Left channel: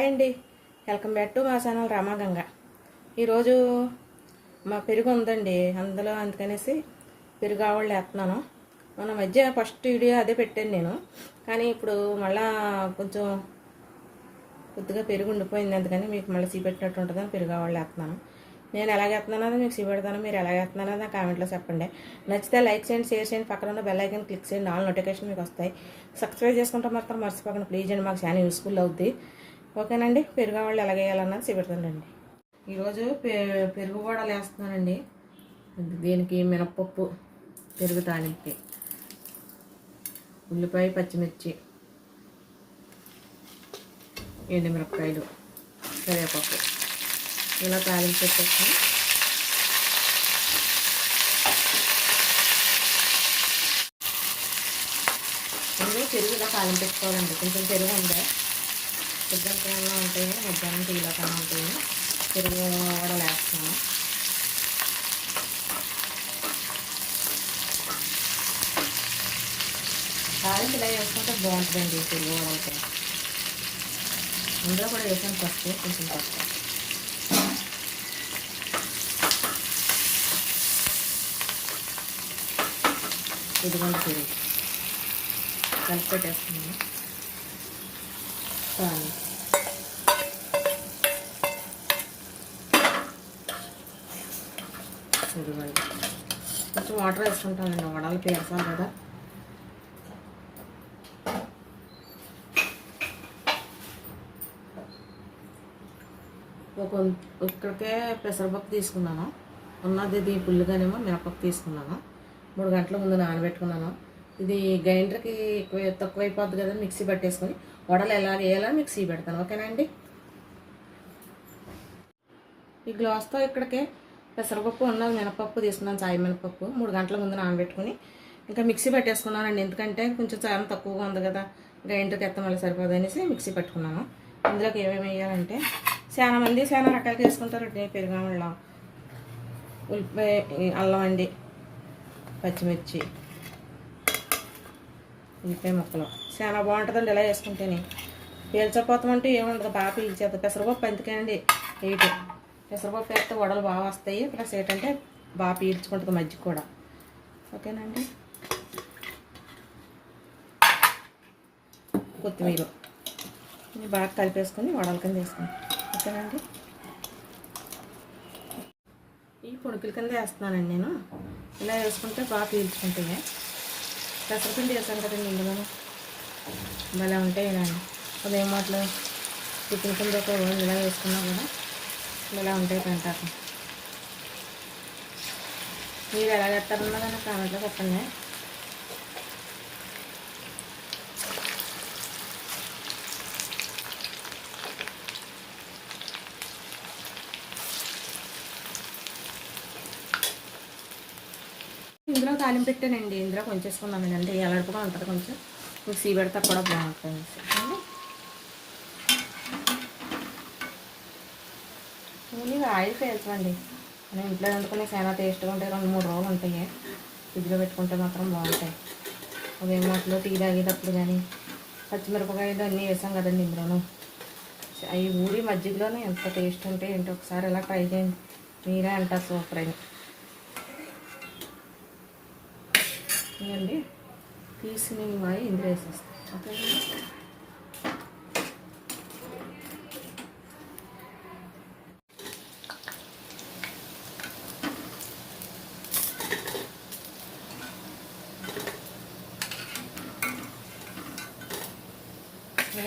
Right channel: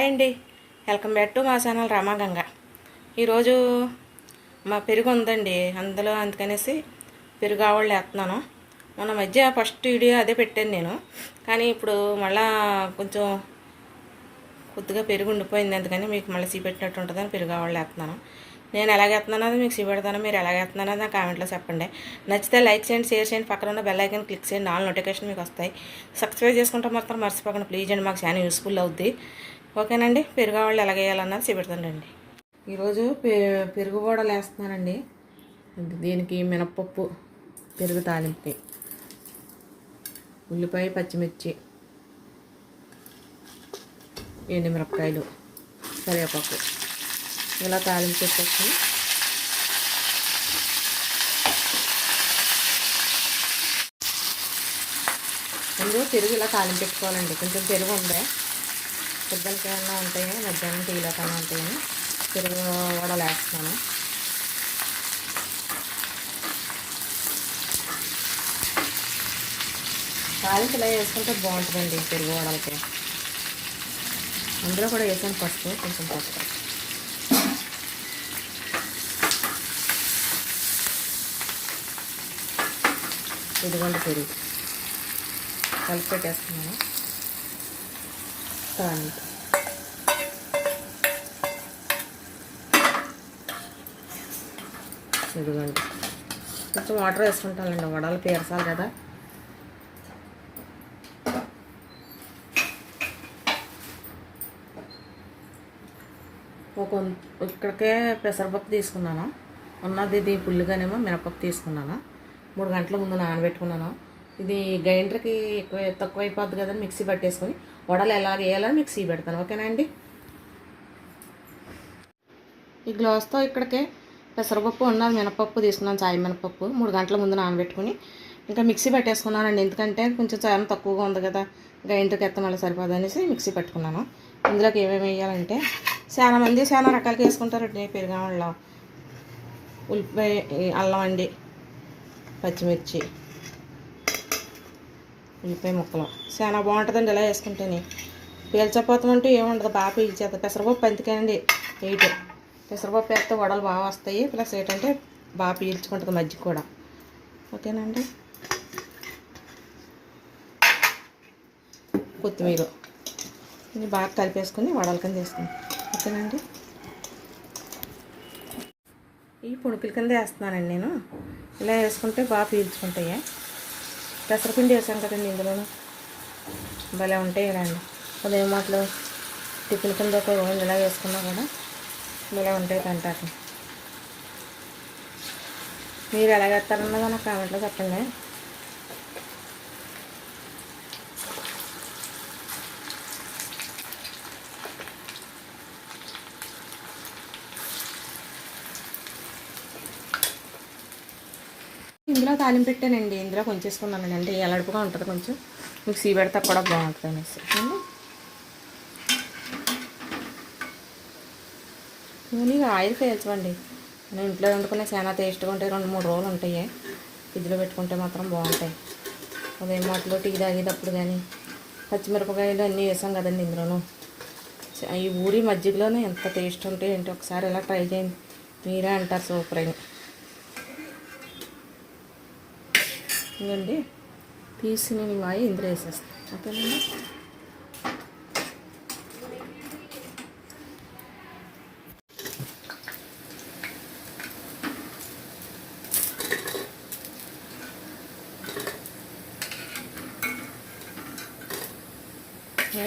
Hi అండి welcome back to మా channel Ramaganga ఈరోజు మా పెరుగు ఉందండి. అందులో అందుకనేసి పెరుగు ఆవళ్ళు వేస్తున్నాను. మొన్న మధ్య ఫస్ట్ వీడియో అదే పెట్టాను నేను. కానీ ఇప్పుడు మళ్ళా కొంచెం కొద్దిగా పెరుగు ఉండిపోయింది. అందుకని మీకు మళ్ళీ సీపెట్టినట్టు ఉంటుందని పెరుగు ఆవళ్ళు వేస్తున్నాను. నేను ఎలాగ వేస్తున్నానో మీకు సీపెడతాను మీరు ఎలాగ వేస్తున్నానో నా కామెంట్లో చెప్పండి. నచ్చితే లైక్ చేయండి షేర్ చేయండి. పక్కన ఉన్న బెల్ ఐకన్ క్లిక్ చేయండి. నాలుగు నోటిఫికేషన్ మీకు వస్తాయి. సబ్స్క్రైబ్ చేసుకుంటే మాత్రం మర్చిపోకండి. ప్లీజ్ అండి మాకు చాలా యూస్ఫుల్ అవుద్ది. ఓకేనండి పెరుగు వాళ్ళు ఎలా వేయాలన్నది చూపెడతానండి ఈరోజు పె పెరుగు బోడలు వేస్తున్నానండి. దీనికి మినప్పప్పు పెరుగు తాలింపు ఉల్లిపాయ పచ్చిమిర్చి ఎండుమిరపకాయలు కరివేపాకు. ఇలా తాలింపు పెట్టేసి ముందు పెరుగు ఇలా తాలింపు పెట్టుకోవాలండి. కొంచెం పెరుగు ఉండే పొద్దునకి ఏమన్నా ఉంటాయి మధ్యాహ్నం టీలో కన్నా ఉంటాయి పెరుగు కూడా వేస్తాను కాయలకి ఇలా వేసుకుంటే బాగుంటుందండి పెరుగు వడలకి అందులో కూడా వేసాను ఫస్ట్ కొంచెం పసుపు. ఇదిగోండి పెరుగు. కలిపి పెట్టేస్తున్నాను. కానీ ఇదిగోండి. కొంచెం వాటర్ వేసుకుంటానండి వడలు పేరసాలి కదా. ఒక ఇక్కడికే పెసరపప్పు తీసుకున్నాను. ఉన్నది ఇది పుల్లిగానేమో మినపప్పు తీసుకున్నాను. మూడు గంటల ముందు నానబెట్టుకున్నాను. ఇది గ్రైండర్కి ఎక్కువ తక్కువ అయిపోద్ది కదా మిక్సీ పట్టేసుకొని. వడలు ఎలా వేయాలని మిక్సీ పెడతాను. ఓకేనా అండి? ఈ గ్లాస్తో ఇక్కడికే పెసరపప్పు ఉన్న మినపప్పు తీసుకున్నాను చాయ్ మినపప్పు మూడు గంటల ముందు నానబెట్టుకుని. ఇంకా మిక్సీ పెట్టేసుకున్నానండి. ఎందుకంటే కొంచెం చాలా తక్కువగా ఉంది కదా గ్రైండర్కి ఎత్తం మళ్ళీ సరిపోదనేసి మిక్సీ పట్టుకున్నాను. ఇందులోకి ఏమేమి వేయాలంటే చాలా మంది చాలా రకాలుగా వేసుకుంటారండి. పెరుగడంలో ఉల్లిపాయ అల్లం అండి పచ్చిమిర్చి ఉల్లిపాయ ముక్కలు. చాలా బాగుంటుందండి ఇలా వేసుకుంటేనే. పీల్చపోతాం అంటే ఏముండదు బాగా పీల్చేది. పెసరపప్పు అందుకేనండి ఎయిట్. పెసరపప్పు వేస్తే వడలు బాగా వస్తాయి. ప్లస్ ఏంటంటే బాగా పీల్చుకుంటుంది మజ్జిగ కూడా. ఓకేనండి? కొత్తిమీర. ఇది బాగా కలిపేసుకుని వడల కింద వేసుకుని ఓకేనండి? ఈ పుణుకుల కింద వేస్తున్నానండి నేను. ఇలా వేసుకుంటే బాగా పీల్చుకుంటాయి. పెసరపిండి వేసాను కదండి ఇందులో. భలే ఉంటాయి ఇలాండి ఉదయం మాటలు టిఫిన్ కింద ఒక ఇలా వేసుకున్నా కూడా ఇలా ఉంటాయి తింటారు మీరు ఎలా చేస్తారన్నదో నాకు కామెంట్లో చెప్పండి. ఇందులో తాలింపు పెట్టానండి. ఇందులో కొంచెం వేసుకున్నానండి అంటే ఎలాడుపుగా ఉంటుంది కొంచెం. మిక్సీ పెడితే కూడా బాగుంటుంది అనేసి. నూనె ఆయిల్ పేల్చండి నేను ఇంట్లో వండుకునే చాలా టేస్ట్గా ఉంటాయి. రెండు మూడు రోజులు ఉంటాయి. ఫ్రిడ్జ్లో పెట్టుకుంటే మాత్రం బాగుంటాయి. ఉదయం మాటలో టీ తాగేటప్పుడు కానీ పచ్చిమిరపకాయలు అన్నీ వేసాం కదండి ఇందులోను. ఈ ఊరి మజ్జిగలోనే ఎంత టేస్ట్ ఉంటే ఏంటో ఒకసారి ఎలా ట్రై చేయండి. మీరే అంటారు సూపర్ అని ఇవ్వండి తీసి నేను మాయి ఇందులో వేసేస్తాను ఓకేనండి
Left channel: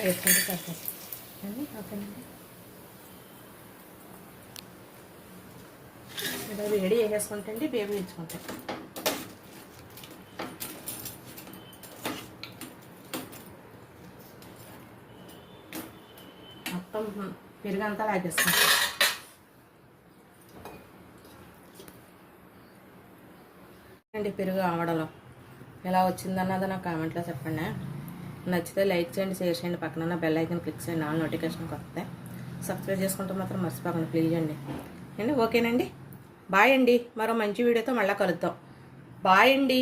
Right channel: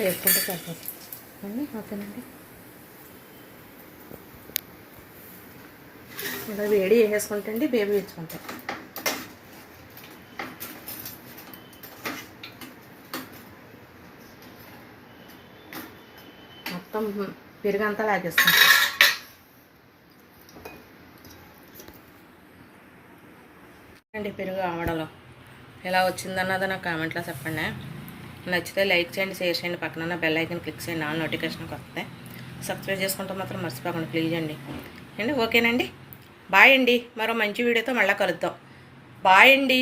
వేసుకుంటే సరిపోతుంది. అండి ఓకేనండి. ఇలా వేడి వేసేసుకుంటే అండి బేబీ ఇచ్చుకుంటాయి మొత్తం పెరుగంతా లాగేస్తాం. అండి పెరుగు ఆవడలో ఎలా వచ్చిందన్నది నాకు కామెంట్లో చెప్పండి. నచ్చితే లైక్ చేయండి షేర్ చేయండి. పక్కన బెల్ ఐకన్ క్లిక్ చేయండి ఆల్ నోటిఫికేషన్కి వస్తే సబ్స్క్రైబ్ చేసుకుంటే మాత్రం మర్చిపోకండి ప్లీజ్ అండి. అండి ఓకేనండి. బాయ్ అండి. మరో మంచి వీడియోతో మళ్ళీ కలుద్దాం. బాయ్ అండి.